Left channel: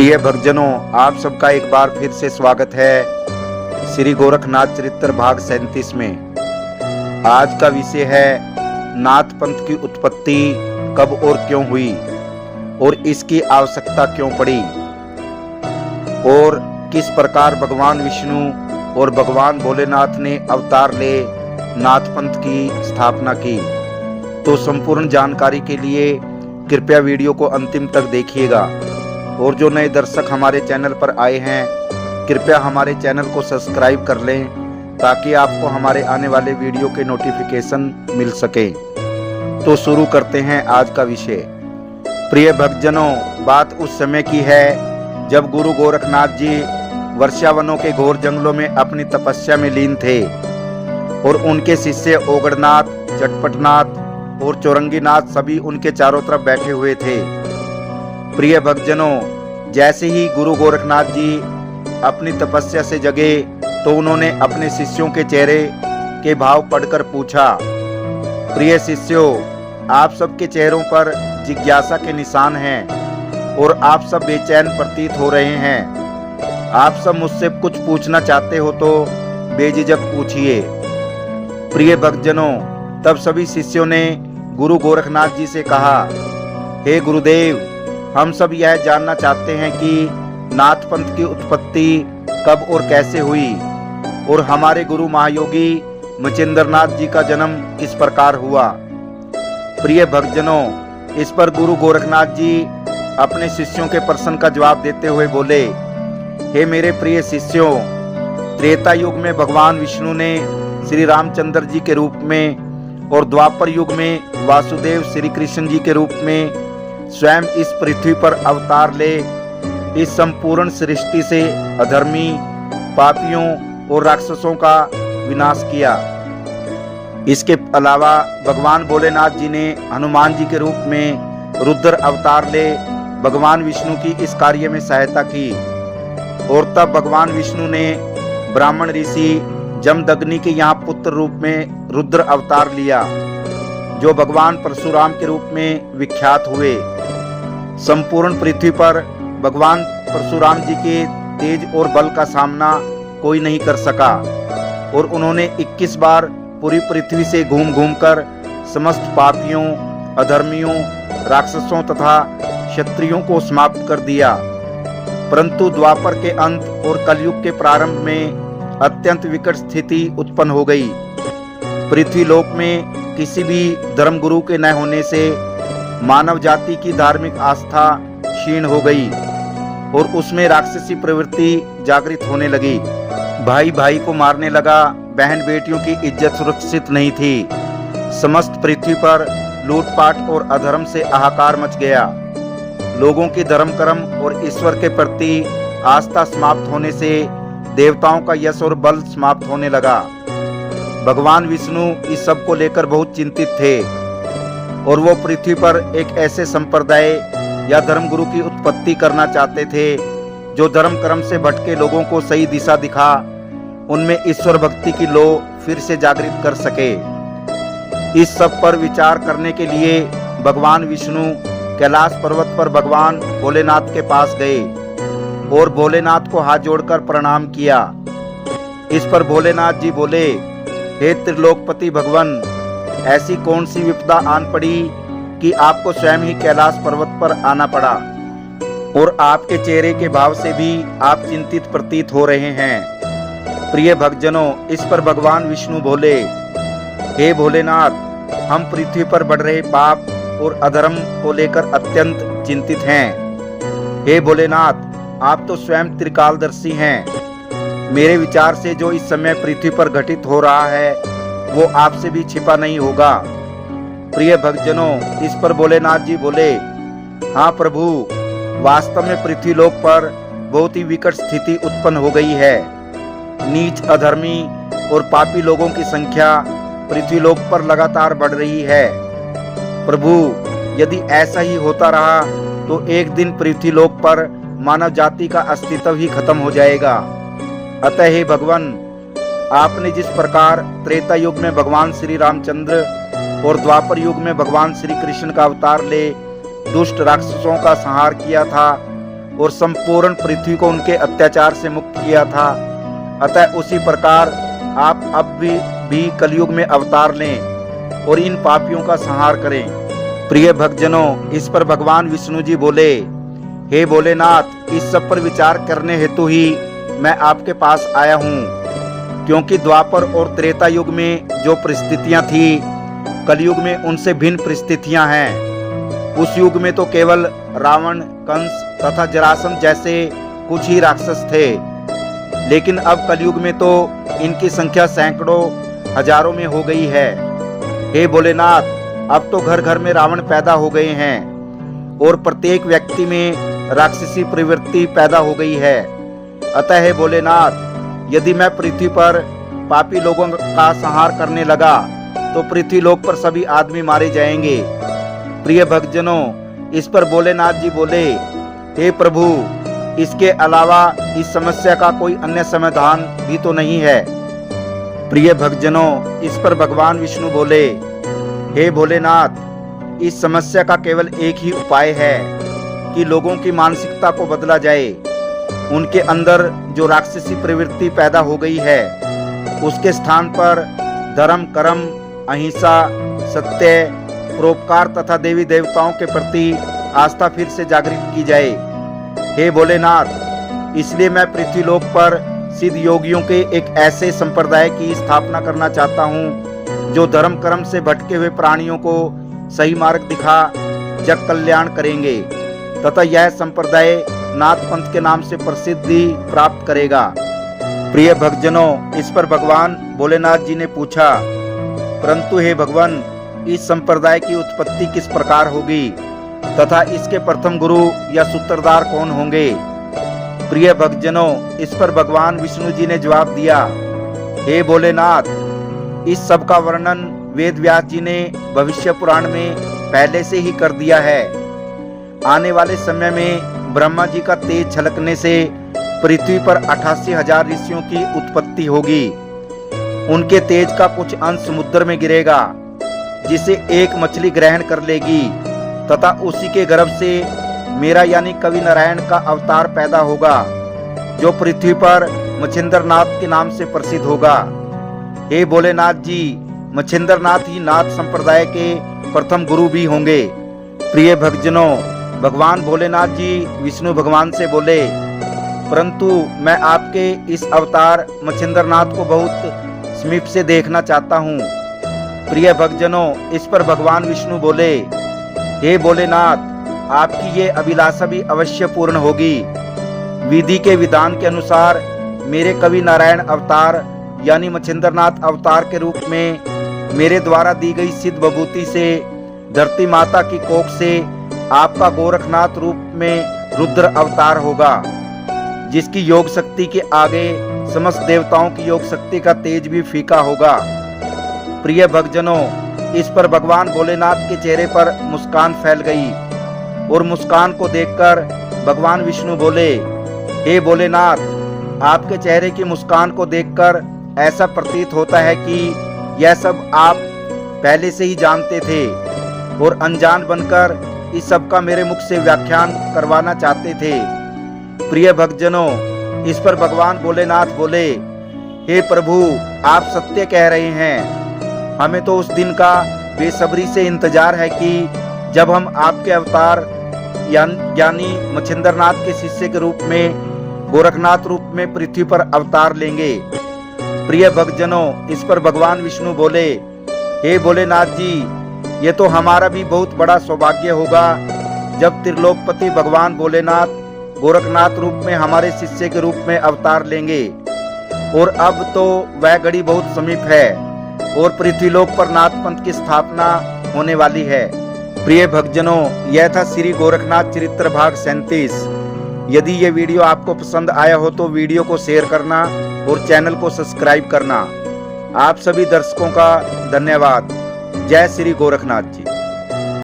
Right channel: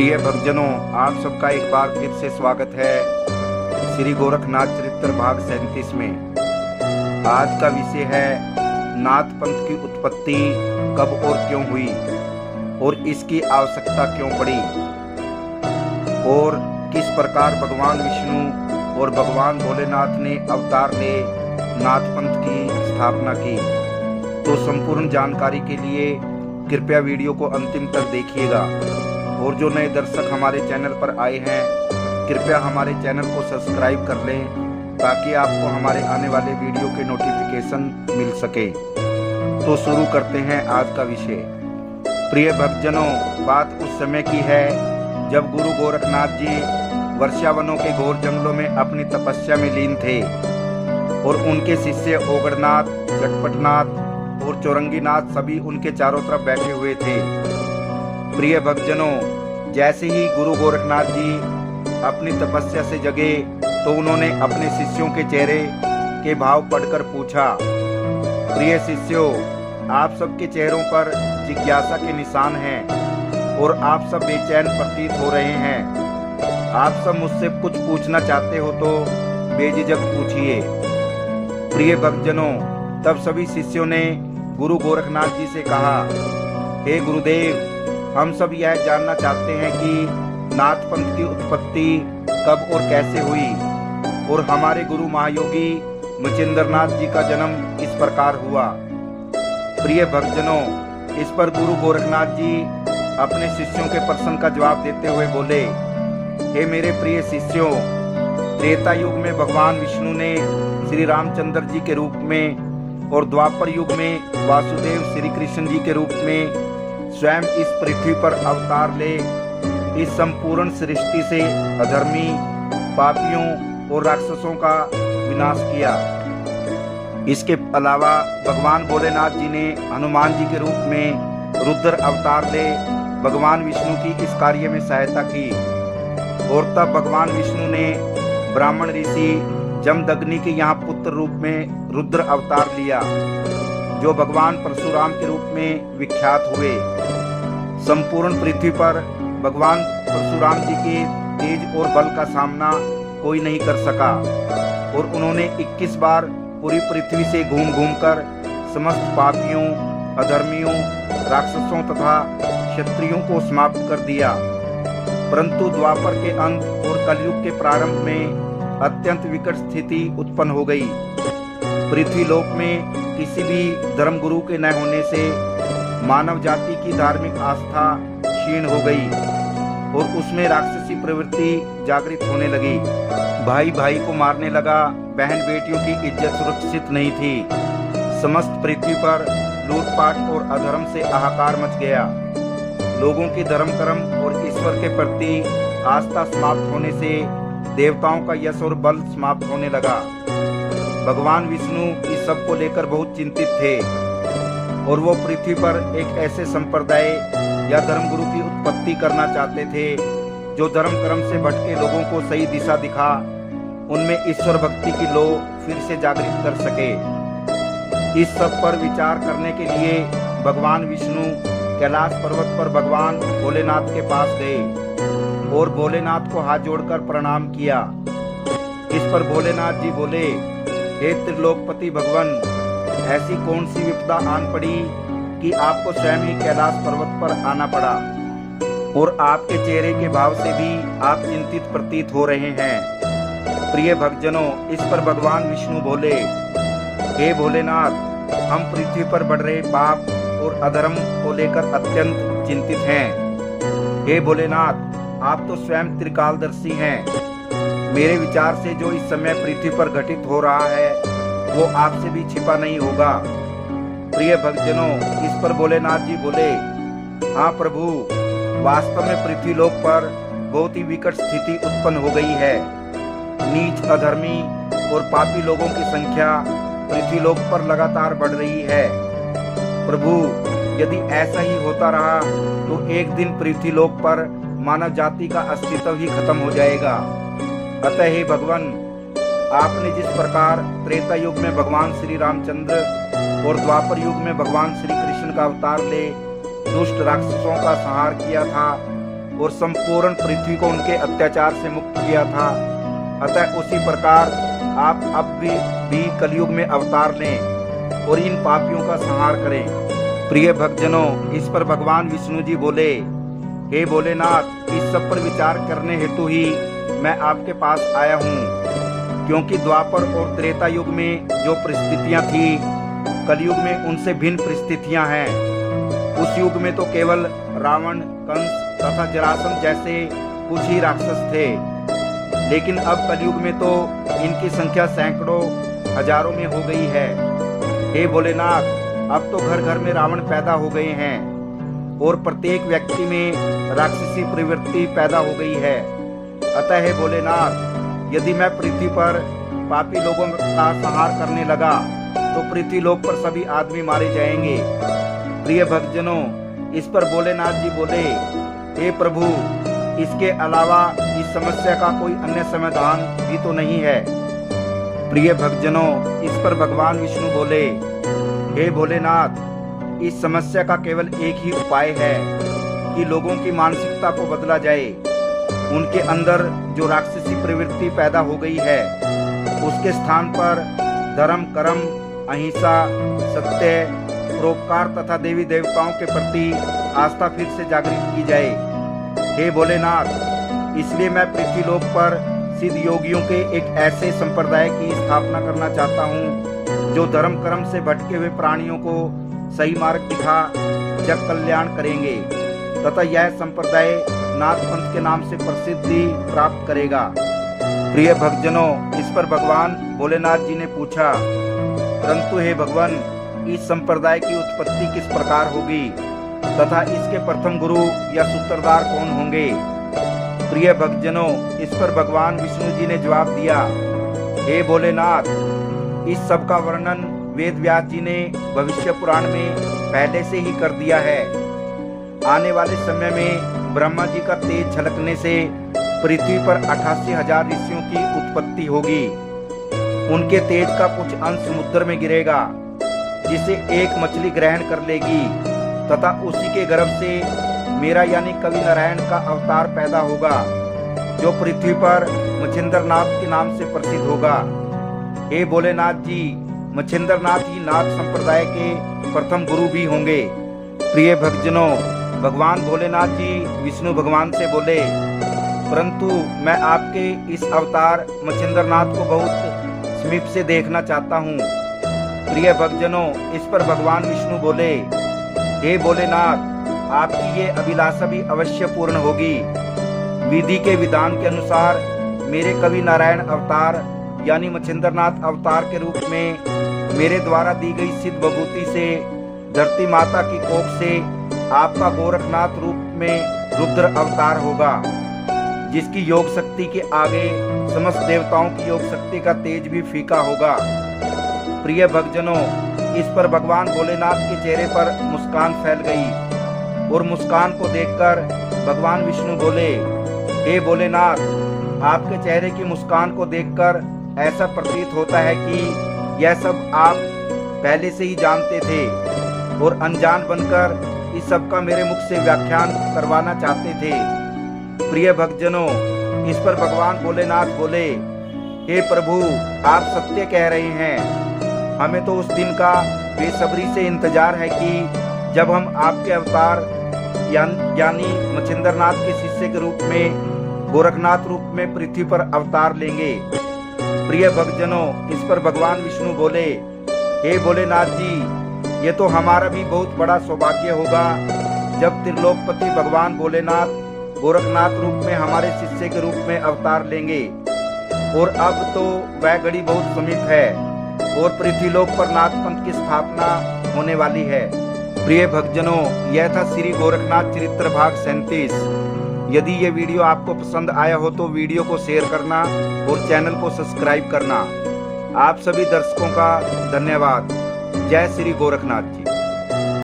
प्रिय भक्तजनों, आप सबका एक बार फिर से स्वागत है श्री गोरखनाथ चरित्र भाग 37 में। आज का विषय है नाथ पंथ की उत्पत्ति कब और क्यों हुई और इसकी आवश्यकता क्यों पड़ी और किस प्रकार भगवान विष्णु और भगवान भोलेनाथ ने अवतार ले नाथ पंथ की स्थापना की। तो संपूर्ण जानकारी के लिए कृपया वीडियो को अंतिम तक देखिएगा और जो नए दर्शक हमारे चैनल पर आए हैं कृपया हमारे चैनल को सब्सक्राइब कर लें ताकि आपको हमारे आने वाले वीडियो के नोटिफिकेशन मिल सके। तो शुरू करते हैं आज का विषय। प्रिय भक्तजनों, बात उस समय की है जब गुरु गोरखनाथ जी वर्षावनों के घोर जंगलों में अपनी तपस्या में लीन थे और उनके शिष्य ओगड़नाथ, चटपटनाथ और चौरंगीनाथ सभी उनके चारों तरफ बैठे हुए थे। प्रिय भक्तजनों, जैसे ही गुरु गोरखनाथ जी अपनी तपस्या से जगे तो उन्होंने अपने शिष्यों के चेहरे के भाव पढ़कर पूछा, प्रिय शिष्यों, आप सबके चेहरों पर जिज्ञासा के निशान हैं और आप सब बेचैन प्रतीत हो रहे हैं। आप सब मुझसे कुछ पूछना चाहते हो तो बेझिझक पूछिए। प्रिय भक्तजनों, तब सभी शिष्यों ने गुरु गोरखनाथ जी से कहा, हे गुरुदेव, हम सब यह जानना चाहते हैं कि नाथ पंथ की उत्पत्ति कब और कैसे हुई और हमारे गुरु महायोगी मचिंद्रनाथ जी का जन्म किस प्रकार हुआ। प्रिय भक्तजनों, इस पर गुरु गोरखनाथ जी अपने शिष्यों के प्रश्न का जवाब देते हुए बोले, हे मेरे प्रिय शिष्यों, त्रेता युग में भगवान विष्णु ने श्री रामचंद्र जी के रूप में और द्वापर युग में वासुदेव श्री कृष्ण जी के रूप में स्वयं इस पृथ्वी पर अवतार ले इस संपूर्ण सृष्टि से अधर्मी, पापियों और राक्षसों का विनाश किया। इसके अलावा भगवान भोलेनाथ जी ने हनुमान जी के रूप में रुद्र अवतार ले भगवान विष्णु की इस कार्य में सहायता की और तब भगवान विष्णु ने ब्राह्मण ऋषि जमदग्नि के यहाँ पुत्र रूप में रुद्र अवतार लिया जो भगवान परशुराम के रूप में विख्यात हुए। संपूर्ण पृथ्वी पर भगवान परशुराम जी के तेज और बल का सामना कोई नहीं कर सका और उन्होंने 21 बार पूरी पृथ्वी से घूम घूम कर समस्त पापियों, अधर्मियों, राक्षसों तथा क्षत्रियों को समाप्त कर दिया। परंतु द्वापर के अंत और कलयुग के प्रारंभ में अत्यंत विकट स्थिति उत्पन्न हो गई। पृथ्वी लोक में किसी भी धर्मगुरु के न होने से मानव जाति की धार्मिक आस्था क्षीण हो गई और उसमें राक्षसी प्रवृत्ति जागृत होने लगी। भाई भाई को मारने लगा, बहन बेटियों की इज्जत सुरक्षित नहीं थी। समस्त पृथ्वी पर लूटपाट और अधर्म से हाहाकार मच गया। लोगों की धर्म कर्म और ईश्वर के प्रति आस्था समाप्त होने से देवताओं का यश और बल समाप्त होने लगा। भगवान विष्णु इस सब को लेकर बहुत चिंतित थे और वो पृथ्वी पर एक ऐसे संप्रदाय या धर्मगुरु की उत्पत्ति करना चाहते थे जो धर्म कर्म से भटके लोगों को सही दिशा दिखा उनमें ईश्वर भक्ति की लौ फिर से जागृत कर सके। इस सब पर विचार करने के लिए भगवान विष्णु कैलाश पर्वत पर भगवान भोलेनाथ के पास गए और भोलेनाथ को हाथ जोड़कर प्रणाम किया। इस पर भोलेनाथ जी बोले, हे त्रिलोकपति भगवान, ऐसी कौन सी विपदा आन पड़ी कि आपको स्वयं ही कैलाश पर्वत पर आना पड़ा और आपके चेहरे के भाव से भी आप चिंतित प्रतीत हो रहे हैं। प्रिय भक्तजनों, इस पर भगवान विष्णु बोले, हे भोलेनाथ, हम पृथ्वी पर बढ़ रहे पाप और अधर्म को लेकर अत्यंत चिंतित हैं। हे भोलेनाथ, आप तो स्वयं त्रिकालदर्शी हैं। मेरे विचार से जो इस समय पृथ्वी पर घटित हो रहा है वो आपसे भी छिपा नहीं होगा। प्रिय भक्तजनों, इस पर भोलेनाथ जी बोले, हाँ प्रभु, वास्तव में पृथ्वी लोक पर बहुत ही विकट स्थिति उत्पन्न हो गई है। नीच, अधर्मी और पापी लोगों की संख्या पृथ्वी लोक पर लगातार बढ़ रही है। प्रभु, यदि ऐसा ही होता रहा तो एक दिन पृथ्वी लोक पर मानव जाति का अस्तित्व ही खत्म हो जाएगा। अतः हे भगवान, आपने जिस प्रकार त्रेता युग में भगवान श्री रामचंद्र और द्वापर युग में भगवान श्री कृष्ण का अवतार ले दुष्ट राक्षसों का संहार किया था और संपूर्ण पृथ्वी को उनके अत्याचार से मुक्त किया था। अतः उसी प्रकार आप अब भी कलयुग में अवतार लें और इन पापियों का संहार करें। प्रिय भक्तजनों, इस पर भगवान विष्णु जी बोले, हे भोलेनाथ, इस सब पर विचार करने हेतु ही मैं आपके पास आया हूँ, क्योंकि द्वापर और त्रेता युग में जो परिस्थितियां थी, कलयुग में उनसे भिन्न परिस्थितियां हैं। उस युग में तो केवल रावण, कंस तथा जरासंध जैसे कुछ ही राक्षस थे, लेकिन अब कलयुग में तो इनकी संख्या सैकड़ों, हजारों में हो गई है। हे भोलेनाथ, अब तो घर घर में रावण पैदा हो गए हैं और प्रत्येक व्यक्ति में राक्षसी प्रवृत्ति पैदा हो गई है। अतः हे भोलेनाथ, यदि मैं पृथ्वी पर पापी लोगों का संहार करने लगा तो पृथ्वी लोक पर सभी आदमी मारे जाएंगे। प्रिय भक्तजनों, इस पर भोलेनाथ जी बोले, हे प्रभु, इसके अलावा इस समस्या का कोई अन्य समाधान भी तो नहीं है। प्रिय भक्तजनों, इस पर भगवान विष्णु बोले, हे भोलेनाथ, इस समस्या का केवल एक ही उपाय है कि लोगों की मानसिकता को बदला जाए। उनके अंदर जो राक्षसी प्रवृत्ति पैदा हो गई है, उसके स्थान पर धर्म, कर्म, अहिंसा, सत्य, परोपकार तथा देवी देवताओं के प्रति आस्था फिर से जागृत की जाए। हे भोलेनाथ, इसलिए मैं पृथ्वी लोक पर सिद्ध योगियों के एक ऐसे संप्रदाय की स्थापना करना चाहता हूँ जो धर्म कर्म से भटके हुए प्राणियों को सही मार्ग दिखा जग कल्याण करेंगे तथा यह संप्रदाय नाथ पंथ के नाम से प्रसिद्धि प्राप्त करेगा। प्रिय भक्तजनों, इस पर भगवान भोलेनाथ जी ने पूछा, परंतु हे भगवान, इस संप्रदाय की उत्पत्ति किस प्रकार होगी तथा इसके प्रथम गुरु या सूत्रधार कौन होंगे? प्रिय भक्तजनों, इस पर भगवान विष्णु जी ने जवाब दिया, हे भोलेनाथ, इस सब का वर्णन वेद व्यास जी ने भविष्य पुराण में पहले से ही कर दिया है। आने वाले समय में ब्रह्मा जी का तेज झलकने से पृथ्वी पर 88,000 ऋषियों की उत्पत्ति होगी। उनके तेज का कुछ अंश समुद्र में गिरेगा, जिसे एक मछली ग्रहण कर लेगी तथा उसी के गर्भ से मेरा यानी कवि नारायण का अवतार पैदा होगा, जो पृथ्वी पर मच्छिंद्रनाथ के नाम से प्रसिद्ध होगा। हे भोलेनाथ जी, मच्छिंद्रनाथ ही नाथ संप्रदाय के प्रथम गुरु भी होंगे। प्रिय भक्तजनों, भगवान भोलेनाथ जी विष्णु भगवान से बोले, परंतु मैं आपके इस अवतार मच्छिंद्रनाथ को बहुत समीप से देखना चाहता हूँ। प्रिय भक्तजनों, इस पर भगवान विष्णु बोले, हे भोलेनाथ, आपकी ये अभिलाषा भी अवश्य पूर्ण होगी। विधि के विधान के अनुसार मेरे कवि नारायण अवतार यानी मच्छिंद्रनाथ अवतार के रूप में मेरे द्वारा दी गई सिद्ध विभूति से धरती माता की कोख से आपका गोरखनाथ रूप में रुद्र अवतार होगा, जिसकी योग शक्ति के आगे समस्त देवताओं की योग शक्ति का तेज भी फीका होगा। प्रिय भक्तजनों, इस पर भगवान भोलेनाथ के चेहरे पर मुस्कान फैल गई और मुस्कान को देखकर भगवान विष्णु बोले, हे भोलेनाथ, आपके चेहरे की मुस्कान को देखकर ऐसा प्रतीत होता है कि यह सब आप पहले से ही जानते थे और अनजान बनकर इस सब का मेरे मुख से व्याख्यान करवाना चाहते थे। प्रिय भक्तजनों, इस पर भगवान भोलेनाथ बोले, हे प्रभु, आप सत्य कह रहे हैं। हमें तो उस दिन का बेसब्री से इंतजार है कि जब हम आपके अवतार यानी मच्छिंद्रनाथ के शिष्य के रूप में गोरखनाथ रूप में पृथ्वी पर अवतार लेंगे। प्रिय भक्तजनों, इस पर भगवान विष्णु बोले, हे भोलेनाथ जी, ये तो हमारा भी बहुत बड़ा सौभाग्य होगा जब त्रिलोकपति भगवान भोलेनाथ गोरखनाथ रूप में हमारे शिष्य के रूप में अवतार लेंगे। और अब तो वह घड़ी बहुत समीप है और पृथ्वीलोक पर नाथ पंथ की स्थापना होने वाली है। प्रिय भक्तजनों, यह था श्री गोरखनाथ चरित्र भाग 37। यदि ये वीडियो आपको पसंद आया हो तो वीडियो को शेयर करना और चैनल को सब्सक्राइब करना। आप सभी दर्शकों का धन्यवाद। जय श्री गोरखनाथ जी।